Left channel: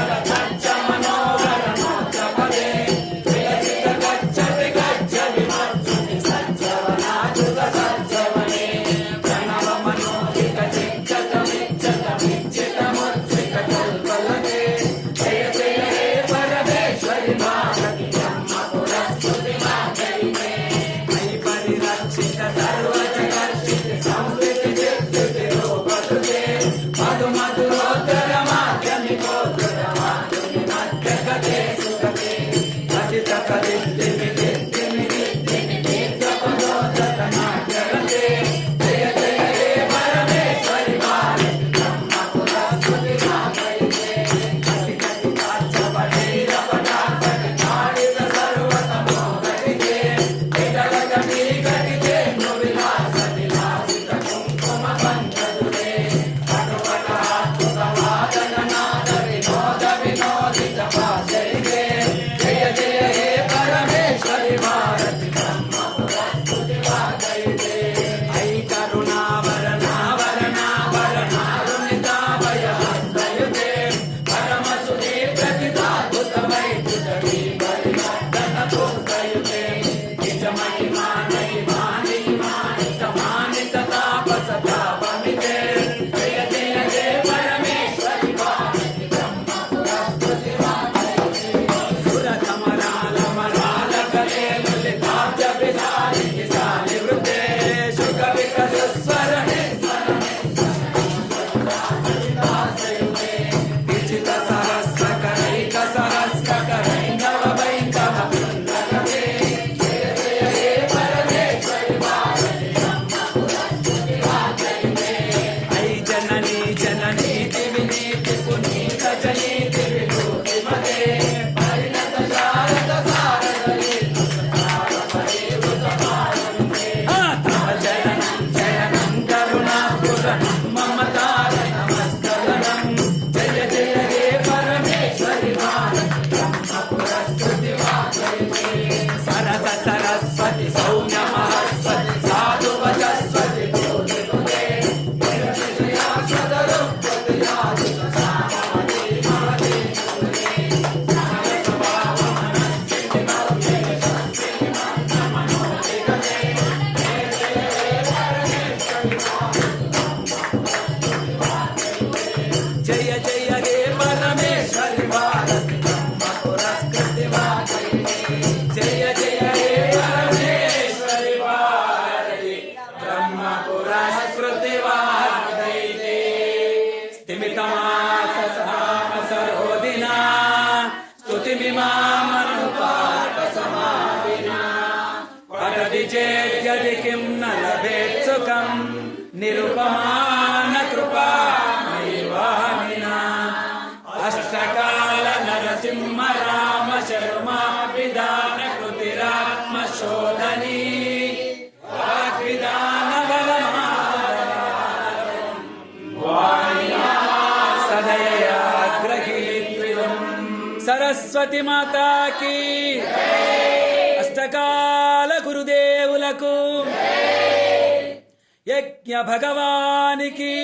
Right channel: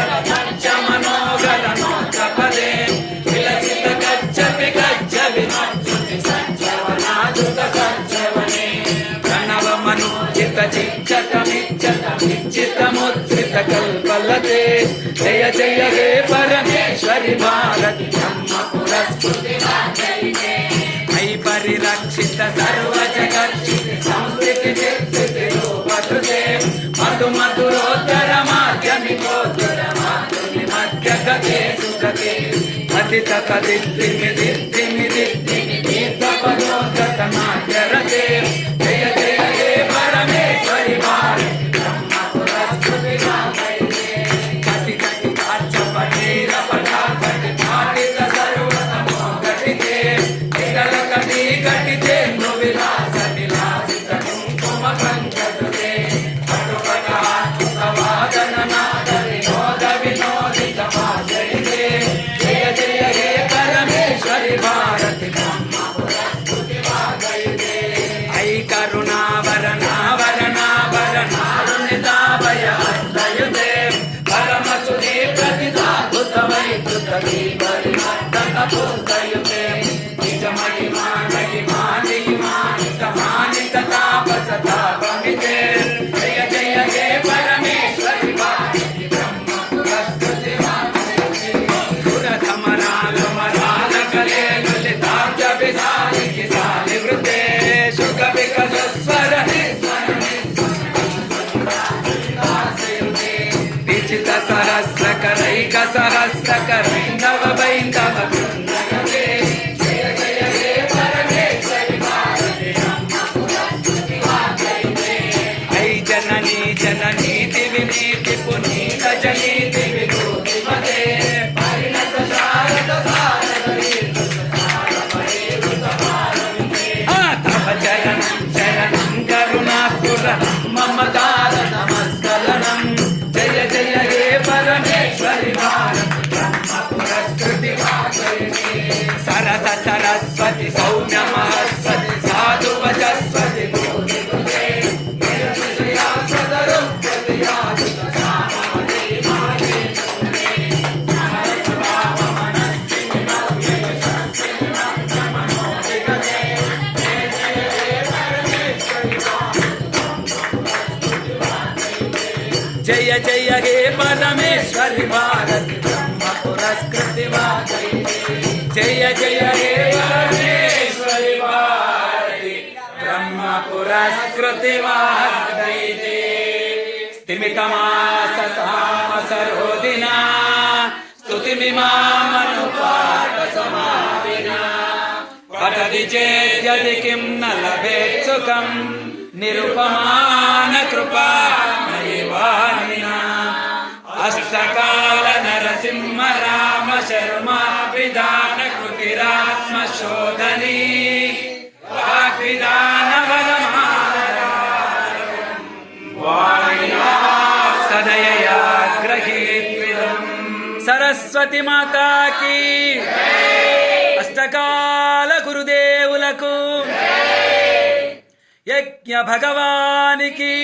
Hey. টাকা দেখতে মেলে జననీ జననీ దివి నీతి పునీత జనీతి విభూతి మదే పరిణత శారద భారత తవ చరణం చరణం కరుణాపుర మమకార నమస్కలనం జయ జయ హే పరమేశ్వరి పురస్కృతి సరస సరస్వతి సౌమ్య మహస్వతి జయ జయ హే పరమేశ్వరి భారతి బ్రహ్మ పురస్కృతి జయ జయ హే పరమేశ్వరి భారతి. బ్రహ్మ పురస్కృతి స్థిమితమాస సామసరోదినా స్తుతిమిమామనుపాట సమాధినా పఠతి చేద్యది కిం న లభేత్ సుఖం నిరుపమాన కృపా నైవానినా అష్టకాల నరసింహ రామ శర్మ విధాన కృతిరాత్మ శోధనీ ग्रहीत्विदम् सरस्वती माता की अष्टकाल गुरुदेवुलकु यज्ञ भगवान की